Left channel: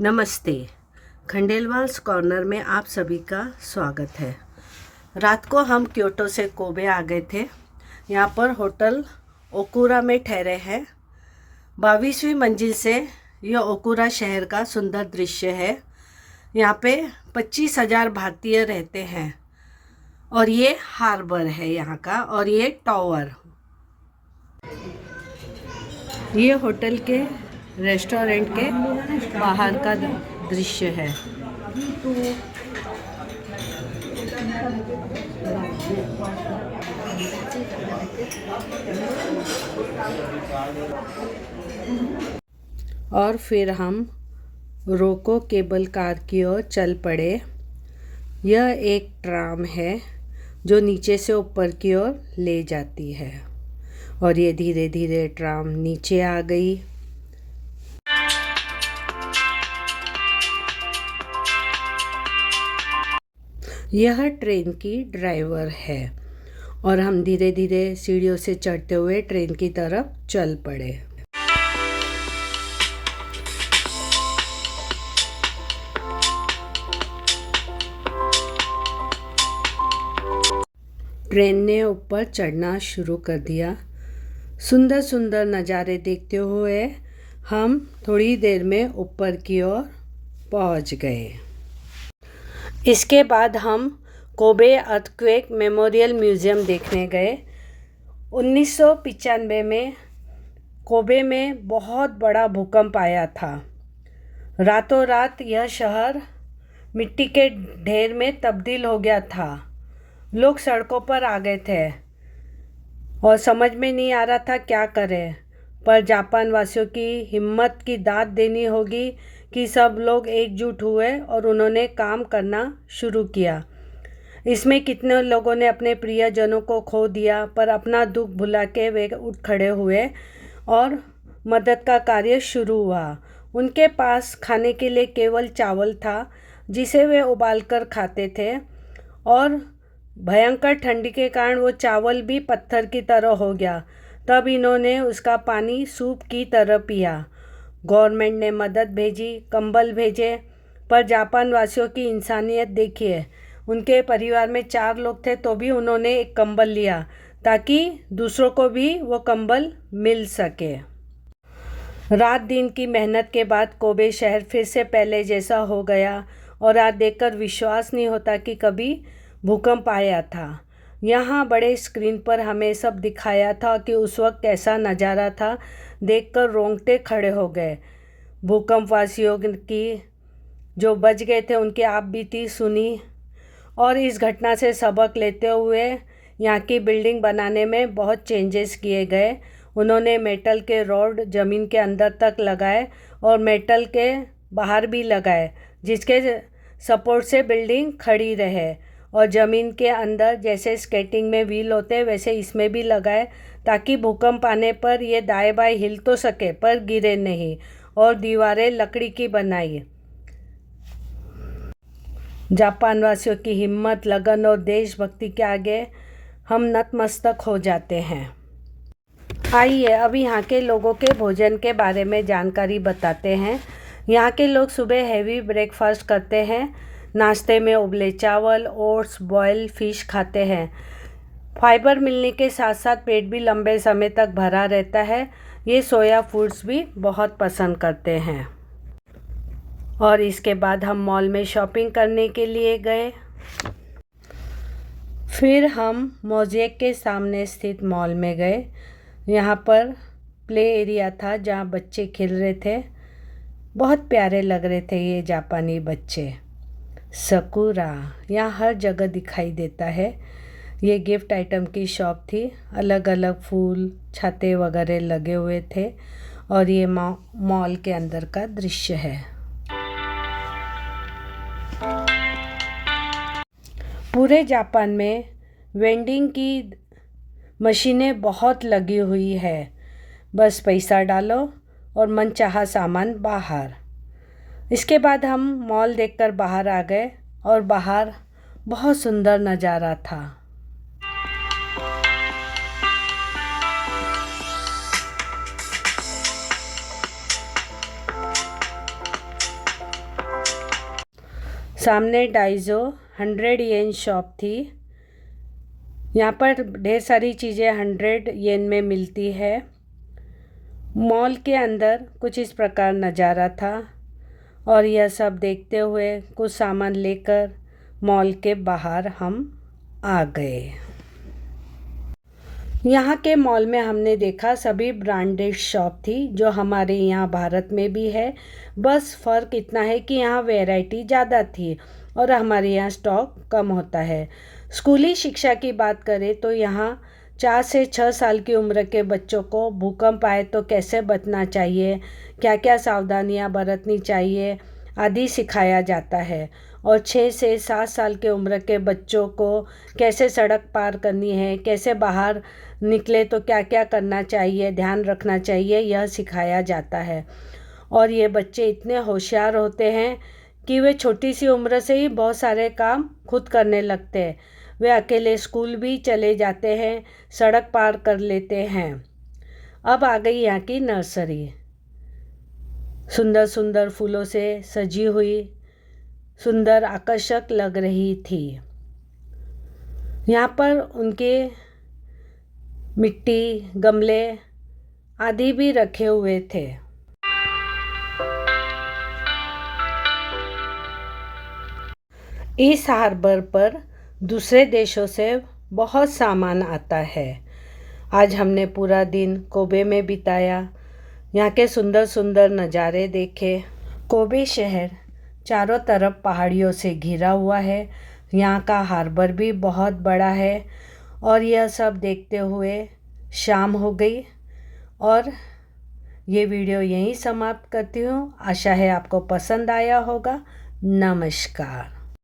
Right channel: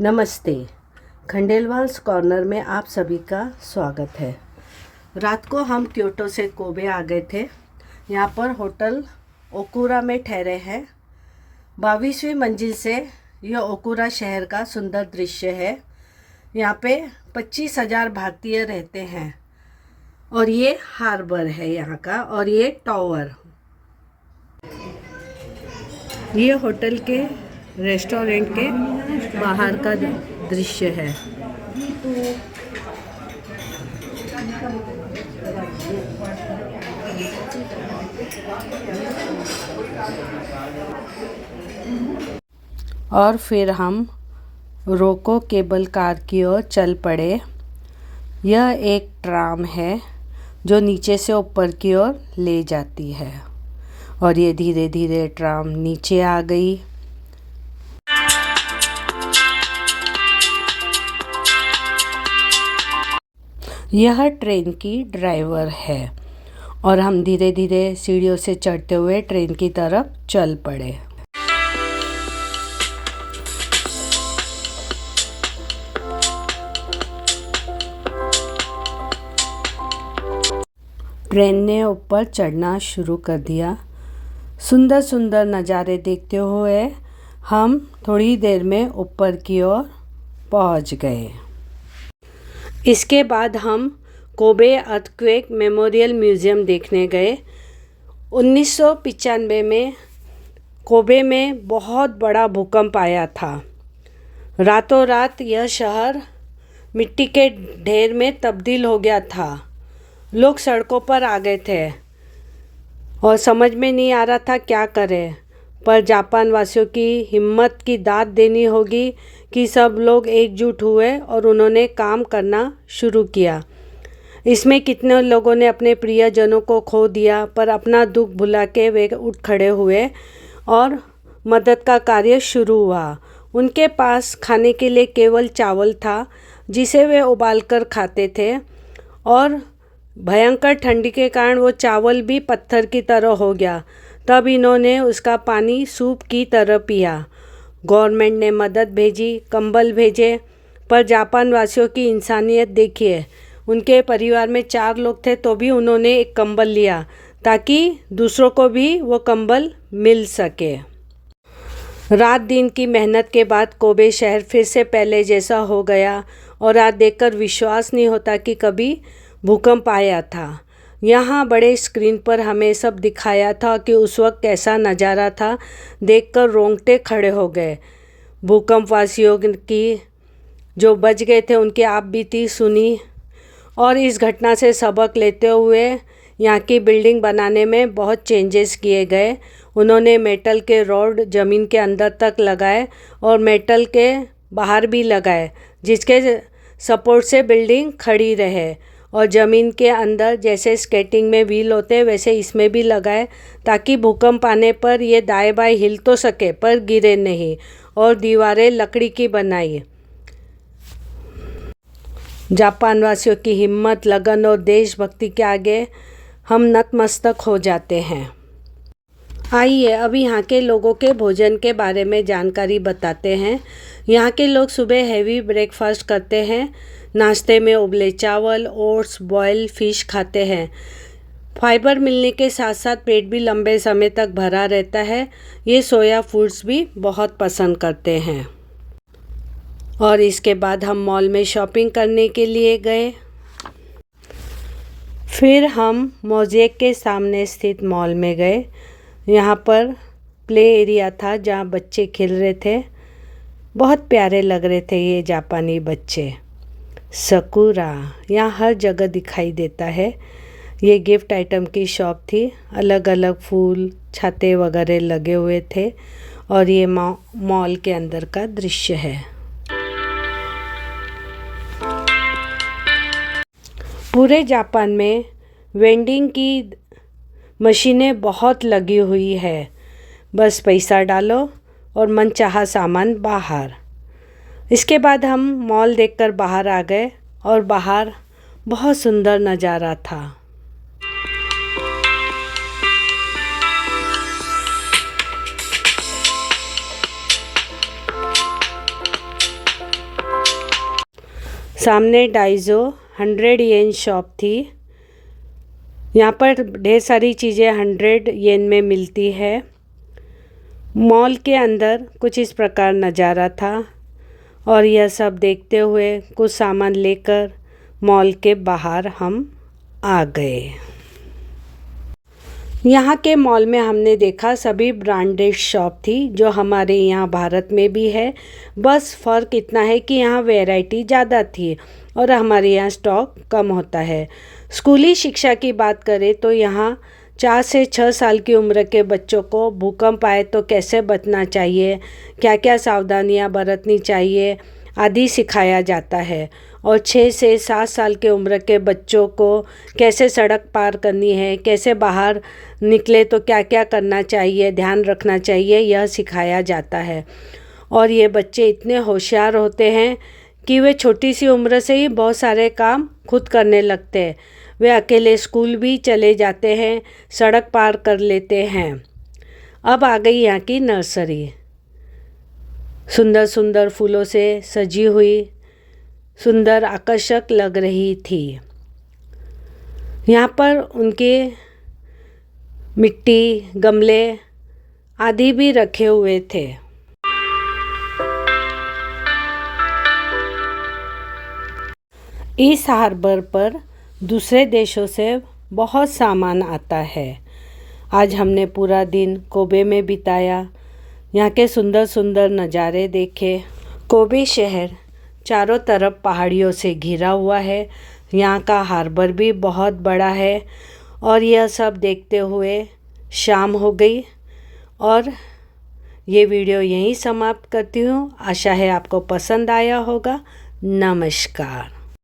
नमस्ते। खंडेलवाल्स कॉर्नर में आप सभी का स्वागत है। रात को हम क्योटो से कोबे आ गए थे। यहाँ पर होटल ओकुरा में ठहरे हैं। 22वीं मंजिल से यह ओकुरा शहर का सुंदर दृश्य है। यहाँ पे 25,000 भारतीय रहते हैं और ये हार्बर है यहाँ का, और ये टावर। ये होटल के रेस्टोरेंट के बाहर का दृश्य है। और फिर हम रोको केबल कार की ओर चल पड़े। यह एक ट्राम है जो नीचे से ऊपर की ओर ले जाती है, और ये धीरे धीरे ट्राम नीचे आ गई। यह ट्रेन की ड्राइवर है और हम धीरे धीरे सीढ़ियों से चढ़ते हुए ट्रेन की तरफ चल पड़े। ट्रेन ने ऊपर चढ़ना शुरू कर दिया। सुंदर सुंदर नज़ारे देखते हुए हम थोड़ी देर में ऊपर की ओर पहुंच गए। इसके बाद हम कोबे अर्थक्वेक मेमोरियल म्यूज़ियम देखने गए। 1995 में कोबे में बहुत बड़ा भूकंप आया था। रातों रात यह शहर मिट्टी के ढेर में तब्दील हो गया था। लोग सड़कों पर आ गए थे और समझ में नहीं आ रहा था क्या करें, पर जापान वासियों की हिम्मत की दाद देनी होगी कि सब लोग एकजुट हुए और उन्होंने काम करना शुरू किया। इसमें कितने लोगों ने अपने प्रियजनों को खो दिया, पर अपना दुख भुला के वे उठ खड़े हुए और मदद का कार्य शुरू हुआ। उनके पास खाने के लिए केवल चावल था जिसे वे उबालकर खाते थे, और भयंकर ठंडी के कारण वो चावल भी पत्थर की तरह हो गया। तब इन्होंने उसका पानी सूप की तरह पिया। गवर्नमेंट ने मदद भेजी, कंबल भेजे, पर जापान वासियों की इंसानियत देखिए। उनके परिवार में 4 लोग थे तो भी उन्होंने एक कंबल लिया ताकि दूसरों को भी वो कंबल मिल सके। रात दिन की मेहनत के बाद कोबे शहर फिर से पहले जैसा हो गया, और आज देखकर विश्वास नहीं होता कि कभी भूकंप आया था। यहाँ बड़े स्क्रीन पर हमें सब दिखाया था कि उस वक्त कैसा नज़ारा था। देखकर रोंगटे खड़े हो गए। भूकंप वासियों की जो बच गए थे उनकी आप बीती सुनी, और इस घटना से सबक लेते हुए यहाँ की बिल्डिंग बनाने में बहुत चेंजेस किए गए। उन्होंने मेटल के रॉड ज़मीन के अंदर तक लगाए और मेटल के बाहर भी लगाए, जिसके सपोर्ट से बिल्डिंग खड़ी रहे। और ज़मीन के अंदर जैसे स्केटिंग में व्हील होते वैसे इसमें भी लगाए, ताकि भूकंप आने पर ये दाएं बाएं हिल तो सके पर गिरे नहीं। और दीवारें लकड़ी की बनाई। जापान वासियों की हिम्मत, लगन और देशभक्ति के आगे हम नतमस्तक हो जाते हैं। आइए अब यहाँ के लोगों के भोजन के बारे में जानकारी बताते हैं। यहाँ के लोग सुबह हैवी ब्रेकफास्ट करते हैं। नाश्ते में उबले चावल, ओट्स, बॉयल फिश खाते हैं। फाइबर मिलने के साथ साथ पेट भी लंबे समय तक भरा रहता है। ये सोया फूड्स भी बहुत पसंद करते हैं। और इसके बाद हम मॉल में शॉपिंग करने के लिए गए। फिर हम मोज़ेक के सामने स्थित मॉल में गए। यहाँ पर प्ले एरिया था जहाँ बच्चे खेल रहे थे। बहुत प्यारे लग रहे थे ये जापानी बच्चे। सकुरा यहाँ हर जगह दिखाई देता है। ये गिफ्ट आइटम की शॉप थी। अलग अलग फूल, छाते वगैरह लगे हुए थे, और ये मॉल के अंदर का दृश्य है। पूरे जापान में वेंडिंग की मशीनें बहुत लगी हुई है। बस पैसा डालो और मनचाहा सामान बाहर। इसके बाद हम मॉल देखकर बाहर आ गए, और बाहर बहुत सुंदर नज़ारा था। सामने डाइजो 100 येन शॉप थी। यहाँ पर ढेर सारी चीज़ें 100 येन में मिलती है। मॉल के अंदर कुछ इस प्रकार नज़ारा था और यह सब देखते हुए कुछ सामान लेकर मॉल के बाहर हम आ गए। यहाँ के मॉल में हमने देखा सभी ब्रांडेड शॉप थी जो हमारे यहाँ भारत में भी है, बस फ़र्क इतना है कि यहाँ वैरायटी ज़्यादा थी और हमारे यहाँ स्टॉक कम होता है। स्कूली शिक्षा की बात करें तो यहाँ 4 से 6 साल की उम्र के बच्चों को भूकंप आए तो कैसे बचना चाहिए, क्या क्या सावधानियाँ बरतनी चाहिए आदि सिखाया जाता है। और 6 से 7 साल के उम्र के बच्चों को कैसे सड़क पार करनी है, कैसे बाहर निकले तो क्या क्या करना चाहिए, ध्यान रखना चाहिए, यह सिखाया जाता है। और ये बच्चे इतने होशियार होते हैं कि वे छोटी सी उम्र से ही बहुत सारे काम खुद करने लगते हैं। वे अकेले स्कूल भी चले जाते हैं, सड़क पार कर लेते हैं। अब आ गई यहाँ की नर्सरी, सुंदर सुंदर फूलों से सजी हुई, सुंदर आकर्षक लग रही थी। यहाँ पर उनके मिट्टी, गमले आदि भी रखे हुए थे। इस हार्बर पर दूसरे देशों से बहुत सामान आता है। आज हमने पूरा दिन कोबे में बिताया, यहाँ के सुंदर सुंदर नज़ारे देखे। कोबे शहर चारों तरफ पहाड़ियों से घिरा हुआ है। यहाँ का हार्बर भी बहुत बड़ा है। और यह सब देखते हुए शाम हो गई और ये वीडियो यहीं समाप्त करती हूँ। आशा है आपको पसंद आया होगा। नमस्कार।